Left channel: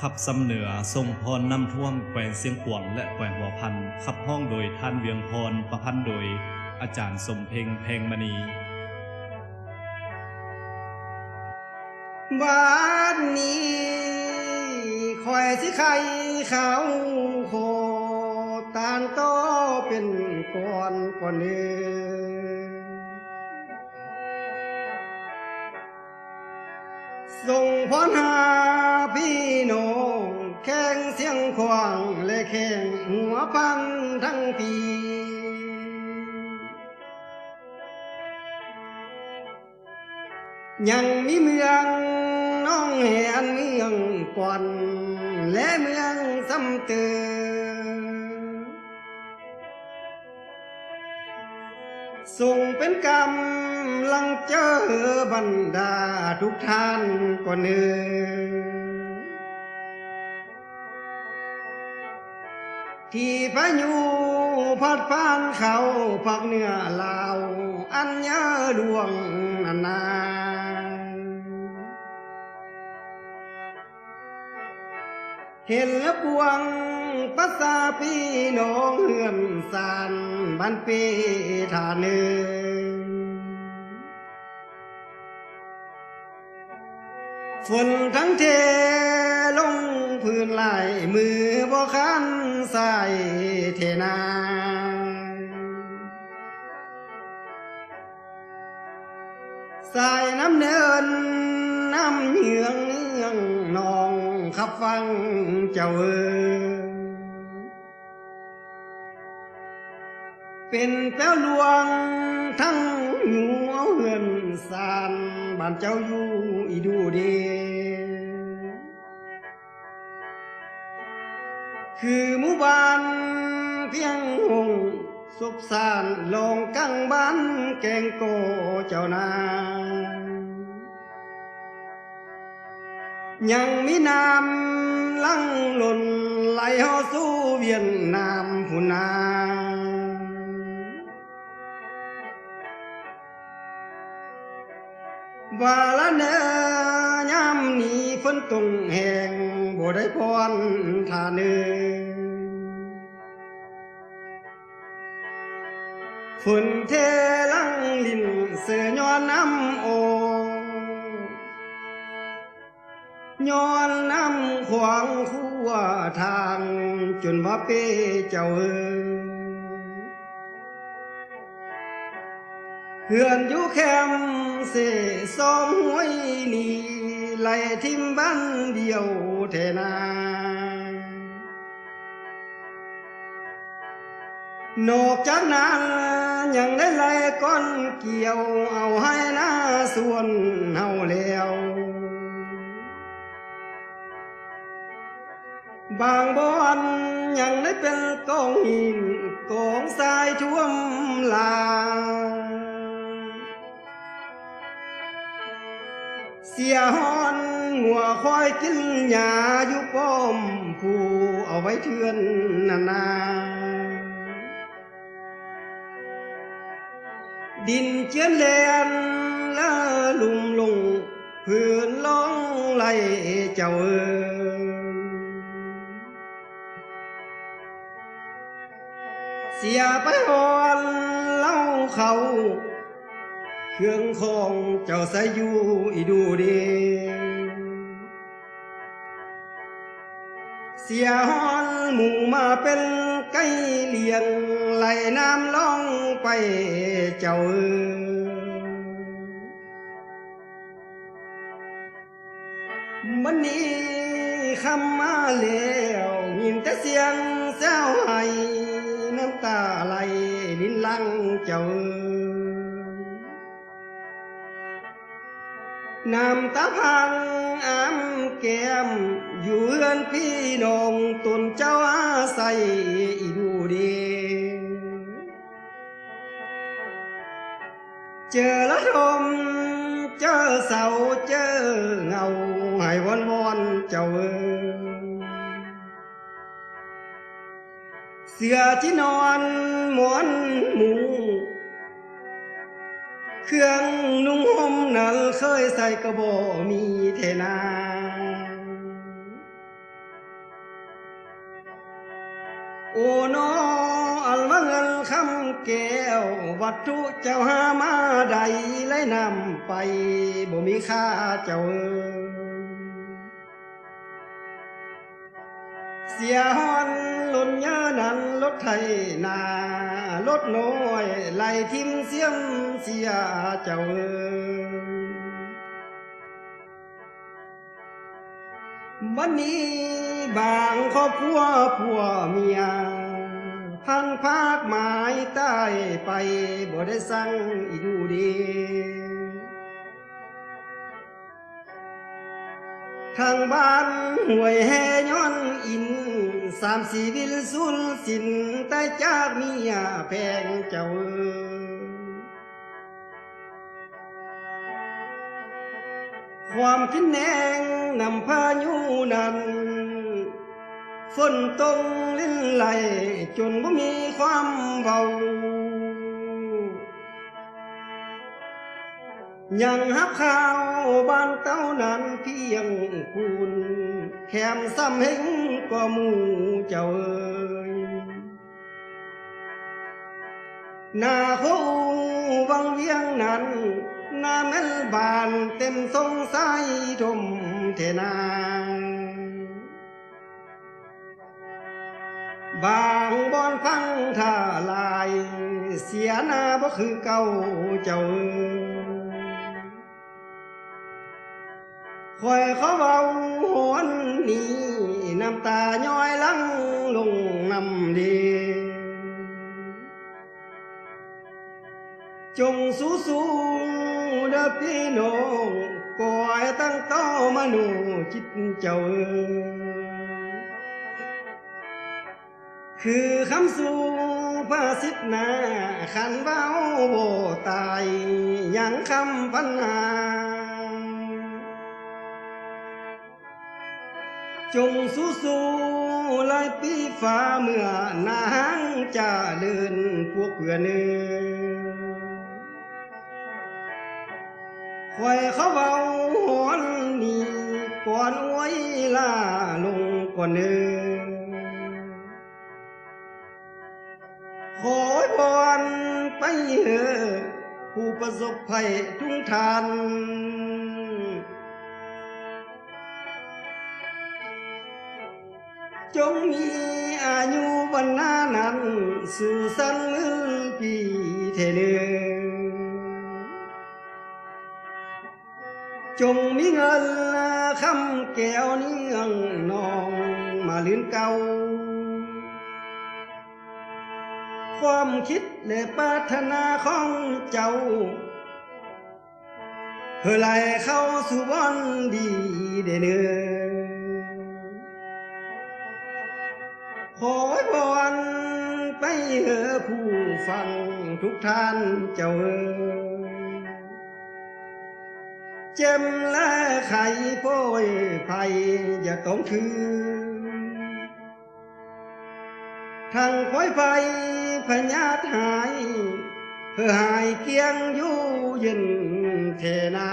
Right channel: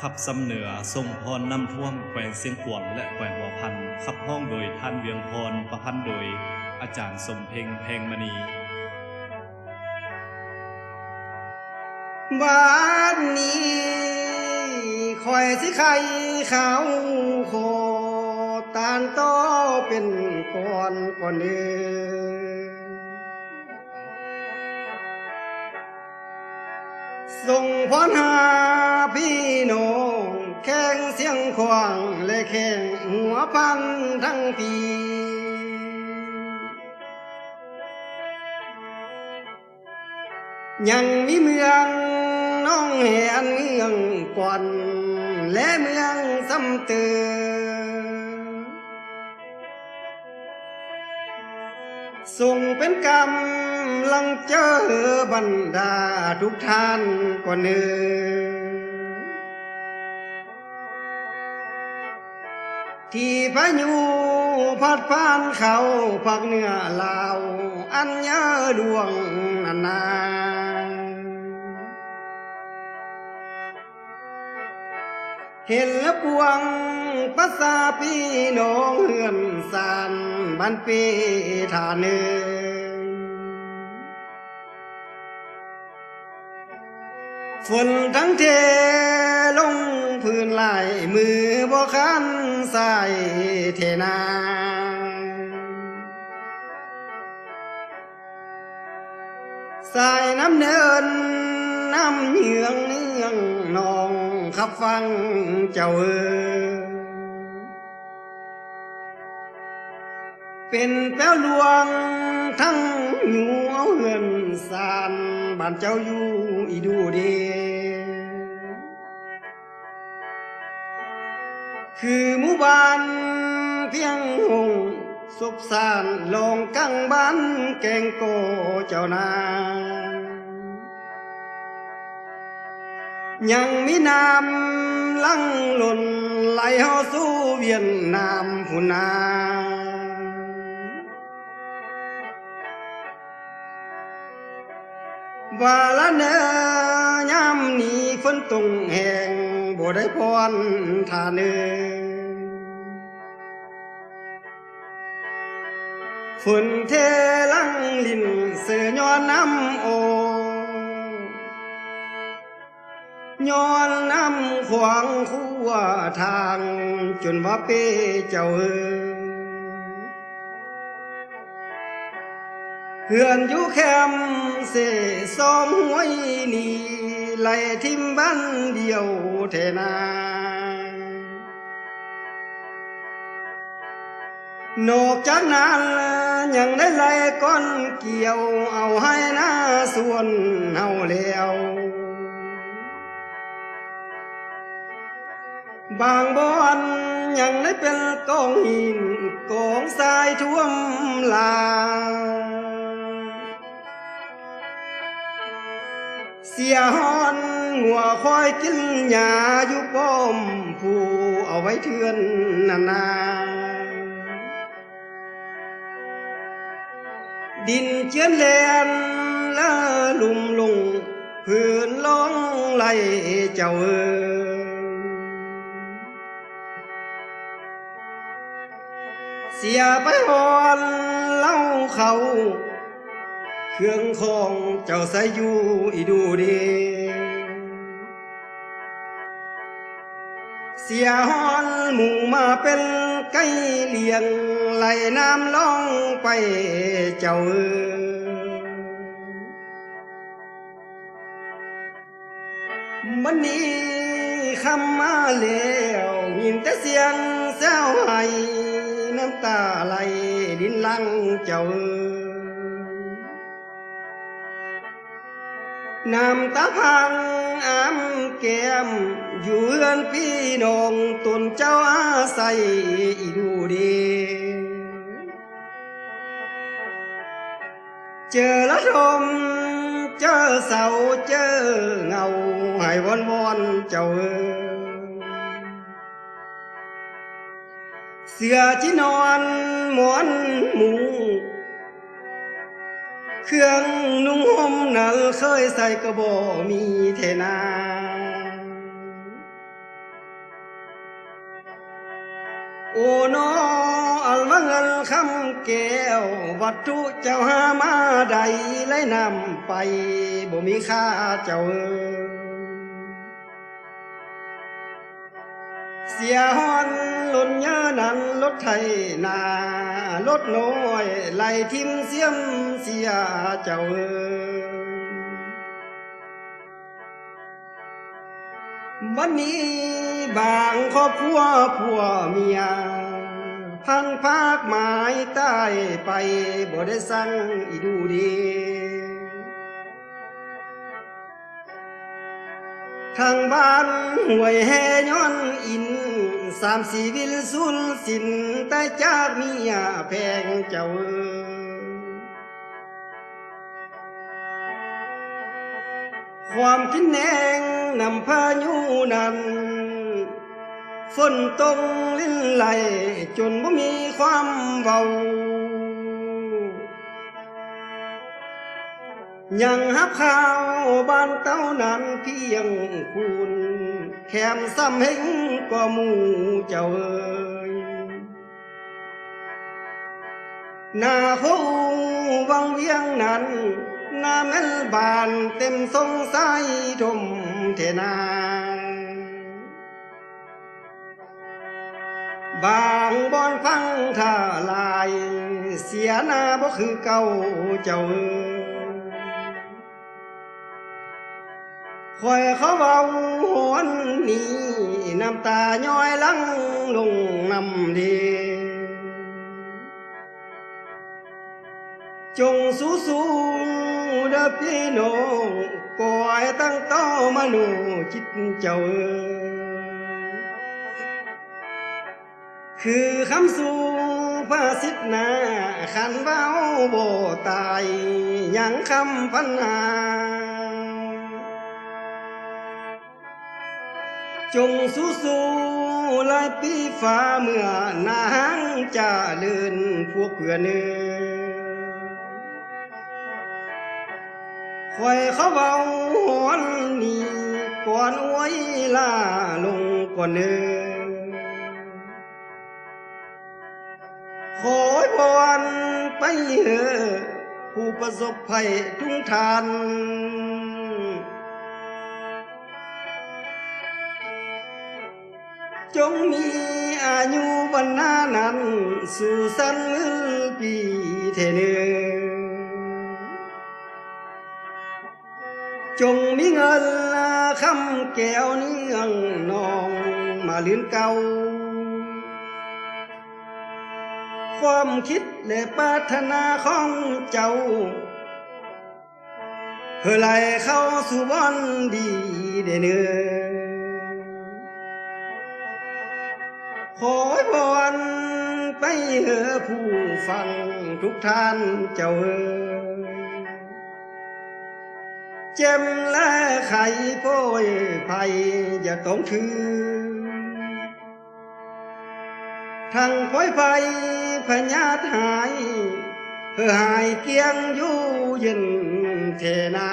ขับสำเหนือทรงพรนำท่วมแขวงเสียงขวางและแขวงหัวพันขับห้องโดยท่านเวียงพรประพันธ์โดยอาจารย์สมเพ็งแพงมณีบ้านนี้คอยสิใครเขาโคตานโตเป็นก่อนเนื้ส่งพรหาพี่น้องแข่งเสียงขวางและแข่งหัวพันทั้งปียังมีเมืองน้องแหนเมืองก่อนและเมืองซ้ำเติมส่งเป็นกำลังเจอบรรดาทุกท่านก่อนเนื้อที่พายุพัดผ่านเขาภาคเหนือลาวอันเยอะดวงนาเห็นแล้วปวงภาษาพี่น้องเฮือนสานบ้านเปทาเนือฝนทั้งเทลงพื้นไหลมือบ่คันใส่เทนาสายน้ำเนินน้ำเหยืองเนื่องนองขับฟังเจ้าเป็นแป้วลวงทั้งอยู่เอาเฮือนสานบ้านเจ้าอยู่อีดูเดคือหมู่บ้านเพียงหงสุบสานลงกังบ้านแกงโกเจ้านายังมีน้ำลังหล่นไหลเฮาสู่เวียนนามพุนาว่าละเนอยามนี้ฝนตกแห้งบ่ได้พรทาเนฝนเทลังลินเสือย้อนน้ำโอย้อนน้ำขวางคู่ทางจนว่าเป้เจ้าเฮือนอยู่แคมเสสองหวยนี่ไหลทิมบ้านเดียวเทนานอกจากนั้นยังได้ไหลก้อนเกี่ยวเอาให้หน้าส่วนเฮาแล้วบางบ่อนยังได้เป็นกองหินกองทรายท่วมลาเสียหอนหัวคอยกินหญ้าอยู่ป้อมผู้เอาไว้เทือนนาดินเจียนแลนละลุ่มลงพื้นร้องไหลเจ้าเสียไปหอนเล่าเขาเครื่องของเจ้าใส่อยู่อีดูดีเสียหอนหมู่มาเป็นไก่เลี้ยงไหลน้ำล่องไปเจ้ามันนี้คำมาแล้วยินแต่เสียงแซวให้น้ำตาไหลลิ้นลังเจ้าน้ำตาพังอ้ำแก้มอยู่เฮือนพี่น้องตนเจ้าอาศัยอีดูเดเจอละทมเจอเสาเจอเงาให้วอนเจ้าเสือที่นอนหมอนมุงเครื่องนุ่งห่มนั้นเคยใส่กระบอกมีเทนา โอ้นออัลว่าเงินคำแก้ววัตถุเจ้าหามาใดไล่นำไปบ่มีค่าเจ้าเสียหอนหล่นเยอะนั้นรถไถนารถน้อยไล่ทิมเสียมเสียเจ้าวันนี้บางครอบครัวผัวเมียพันภาคหมายใต้ไปบ่ได้สั่งอีดูดีทางบ้านห่วยแห่ย้อนอิน3-4วิลสุนสินแต่จากเมียแพงเจ้าความคิดแนงนำพายุนั้นฝนตกลิ้นไหลจนบ่มีความเบายังหับข่าวบ้านเต้านั้นเพียงคุณแถมซ้ำเห็นกว่าหมู่เจ้าหน้าเขาวังเวียงนั้นหน้าแม่นบานเต็มสงสัยทมเทนาบางบอนฟังท่าลายเสียหน้าบ่คือเก่าเจ้าคอยเขาเบาหวนนี้น้ำตาย้อยลังลงน้ำดีจงสู้สู้เด้อพี่น้องก่อยตั้งโตมาหนูจิตเจ้าคือคำสู่ภาษิตนาขันเบาโบตายยังคำพันหาจงสู้สู้ลายปีฟ้าเมื่อนางจะเลื่อนพวกเพื่อนเนื้อคอยเขาเบาหอนนี้ก่อนอวยลาลงก่อนเนื้อขอพรไปเถอะผู้ประสบภัยทุกท่านจงมีอายุวันนานั้นสู่สันมือปีเทเนจงมีเงินคำแก้วเนื่องนองมาลื่นเก่าความคิดและปรารถนาของเจ้าเพื่อไหลเข้าสู่วันดีเด้อเนื้อขอพรไปเถอะผู้ฟังทุกท่านเจ้าเจ็มและไข่โป้ยภัยอย่าต้องถือทั้งพ้อยไฟพญาตหายเพื่อหายเกียงอยู่เย็นเทนา